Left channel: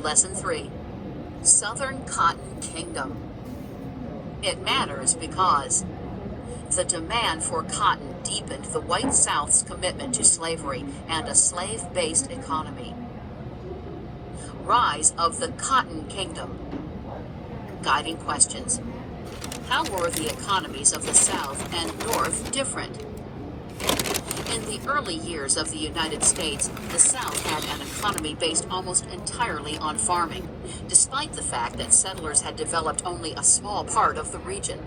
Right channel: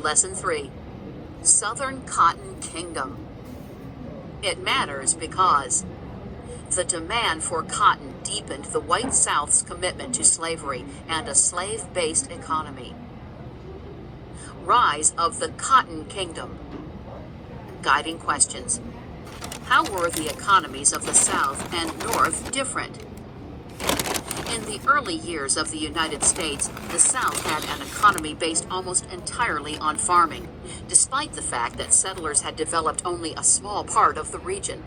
Lesson 3. Southern Cotton Kingdom. It matters because the demand for cotton deepened the white South's commitment to slavery and a slave-based economy. Rise of the Cotton Kingdom. Guiding questions. How were the economies of the South and North different? In the early years of the United States, the South had an economy based almost entirely on farming, despite the fact that settlers had developed only a small part of the region.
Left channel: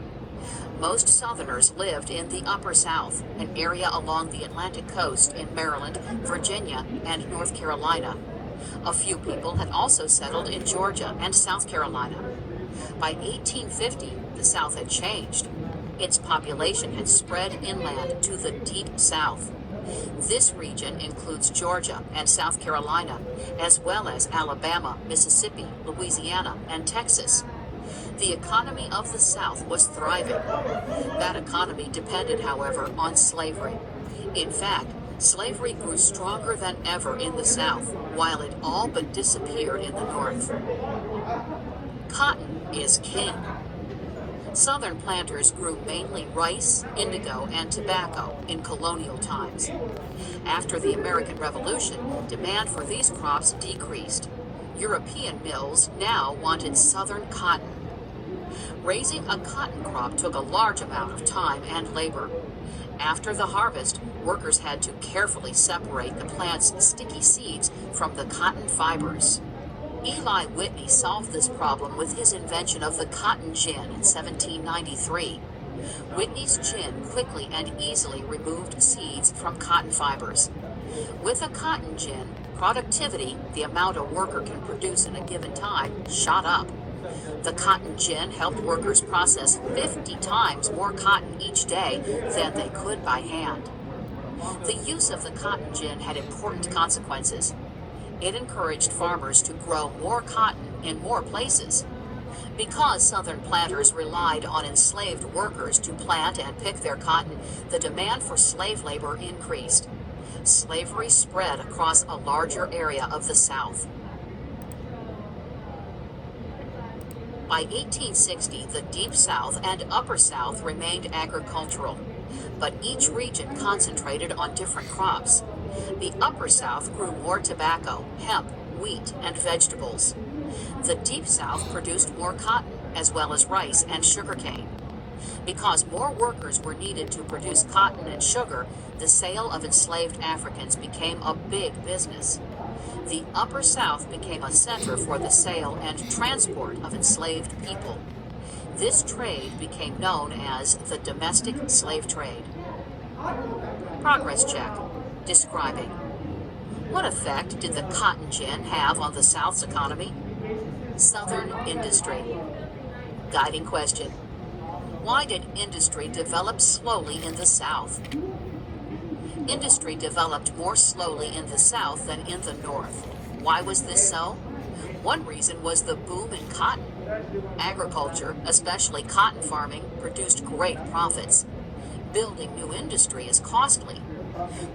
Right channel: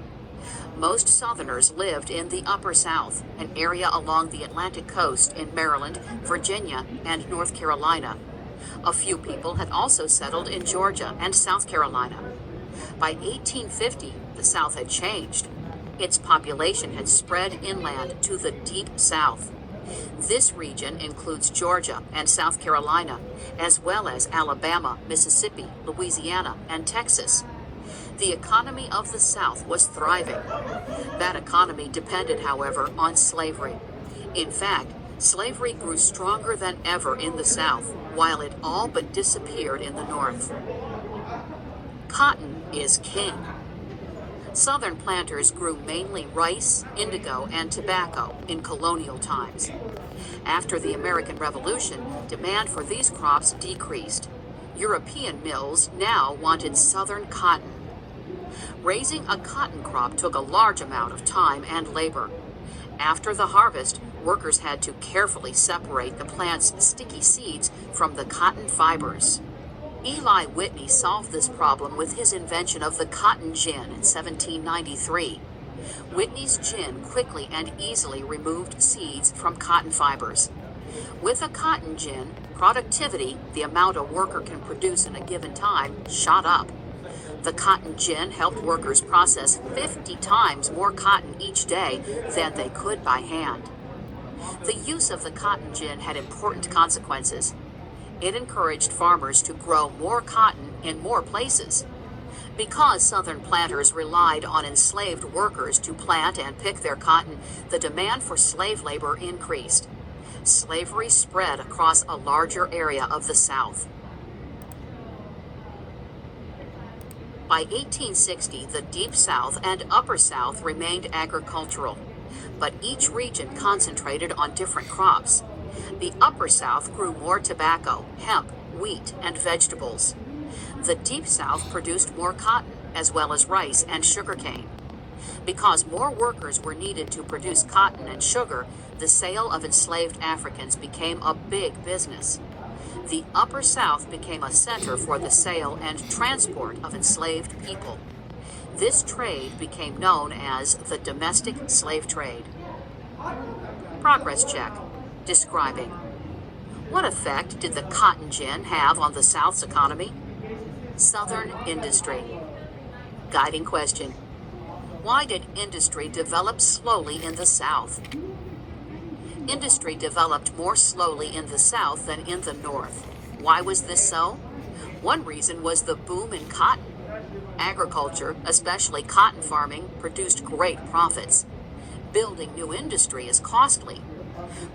Most Southerners lived in the Upper South, an area along the Atlantic coast in Maryland, Virginia, and North Carolina. A few people had also settled in Georgia and South Carolina. By 1850, the South had changed. Its population had spread inland to the Deep South. This region includes Georgia and South Carolina, as well as Alabama, Mississippi, Louisiana, and Texas. The economy of the South was thriving. That economy depended, however, on slavery. In fact, slavery grew stronger than ever in the South, while it all but disappeared in the North. Cotton is king. Southern planters grew mainly rice, indigo, and tobacco in colonial times. After the American Revolution, demand for these crops decreased. European mills now wanted Southern cotton. Raising a cotton crop took a large amount of time and labor. After the harvest, workers had to carefully separate the plant's sticky seeds from the cotton fibers. Eli Whitney solved this problem with his invention of the cotton gin in 1793. Whitney's gin quickly and easily removed seeds from cotton fibers. With a cotton gin, productivity, the amount a worker can produce in a given time, shot up. The cotton gin helped workers process 50 times more cotton each day than they could by hand. The use of the cotton gin had important consequences. It encouraged farmers to grow more cotton in more places. Because Southern planters relied on enslaved workers to plant and pick their cotton, the demand for slave labor increased. Slavery spread across a larger area of the South. By 1860, the Deep South and Upper South remained agricultural, but each region concentrated on different crops. The Upper South grew more tobacco, hemp, wheat, and vegetables. The Deep South produced more cotton, as well as rice and sugarcane. Because more workers were needed to produce cotton and sugar, the sale of enslaved Africans became a big business. The Upper South became a center for the sale and transport of enslaved people. This trade became known as the domestic slave trade. Progress check. Describing. What effect did the cotton gin have on the South's economy? Southern industry. Guiding question. Why did industry develop slowly in the South? Industry developed more slowly in the South than in the North. Why was this so? One reason was the boom in cotton. Agriculture, especially cotton farming, produced great profits. Building new industry is costly.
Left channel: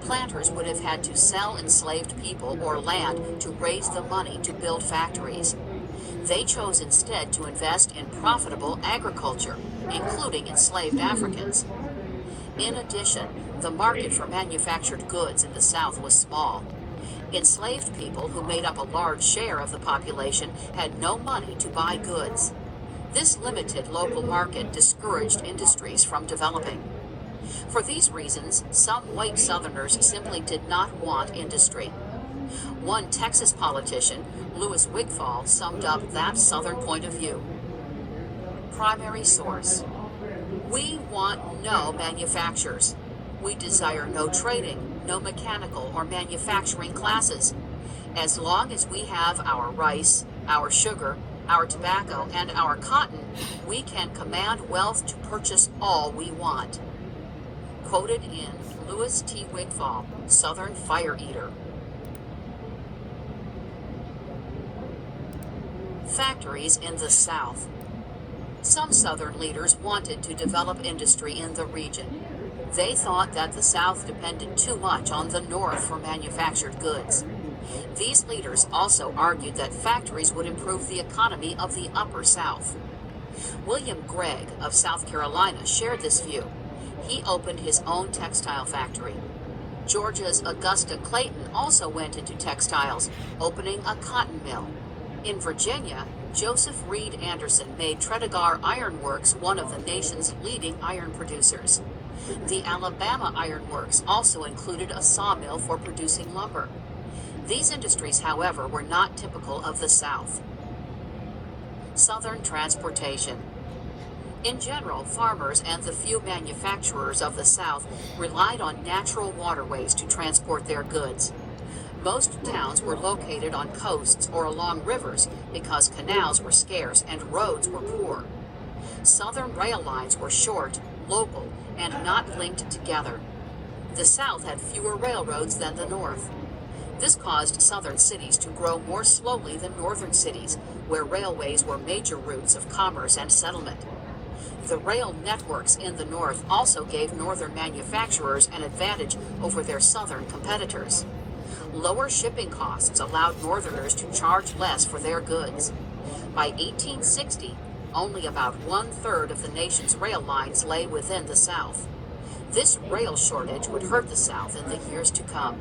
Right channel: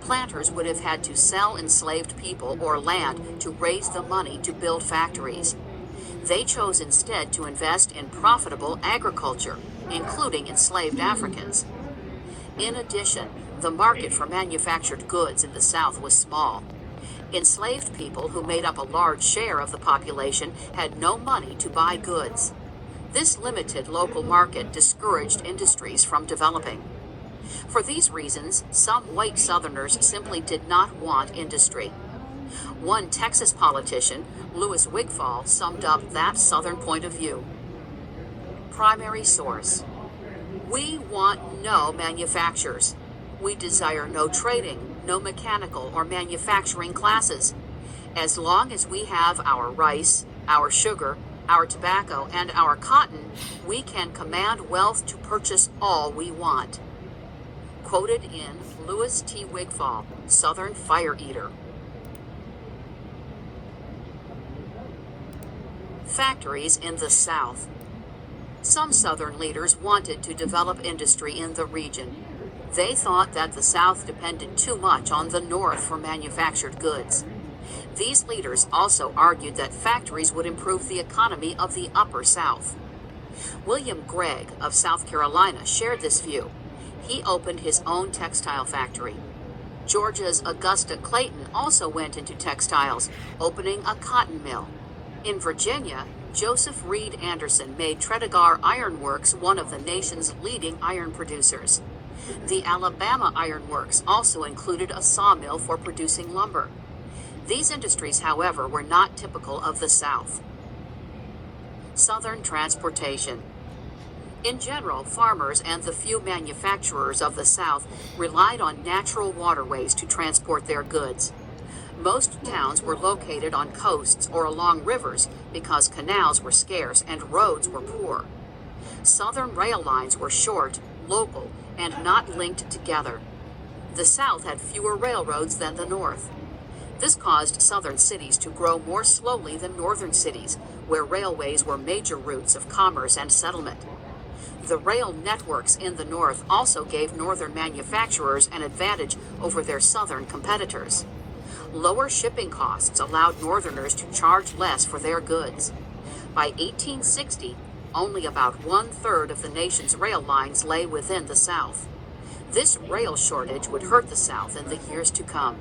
Planters would have had to sell enslaved people or land to raise the money to build factories. They chose instead to invest in profitable agriculture, including enslaved Africans. In addition, the market for manufactured goods in the South was small. Enslaved people, who made up a large share of the population, had no money to buy goods. This limited local market discouraged industries from developing. For these reasons, some white Southerners simply did not want industry. One Texas politician, Louis Wigfall, summed up that Southern point of view. Primary source. We want no manufacturers. We desire no trading, no mechanical or manufacturing classes. As long as we have our rice, our sugar, our tobacco, and our cotton, we can command wealth to purchase all we want. Quoted in Louis T. Wigfall, Southern Fire Eater. Factories in the South. Some Southern leaders wanted to develop industry in the region. They thought that the South depended too much on the North for manufactured goods. These leaders also argued that factories would improve the economy of the Upper South. William Gregg of South Carolina shared this view. He opened his own textile factory. Georgia's Augusta Clayton also went into textiles, opening a cotton mill. In Virginia, Joseph Reed Anderson made Tredegar Iron Works one of the nation's leading iron producers. The Alabama Iron Works also included a sawmill for producing lumber. These industries, however, were not typical of the South. Southern transportation. In general, farmers and the few manufacturers of the South relied on natural waterways to transport their goods. Most towns were located on coasts or along rivers because canals were scarce and roads were poor. Southern rail lines were short, local, and not linked together. The South had fewer railroads than the North. This caused southern cities to grow more slowly than northern cities, where railways were major routes of commerce and settlement. The rail networks in the North also gave northern manufacturers an advantage over their southern competitors. Lower shipping costs allowed northerners to charge less for their goods. By 1860, only about 1/3 of the nation's rail lines lay within the South. This rail shortage would hurt the South in the years to come.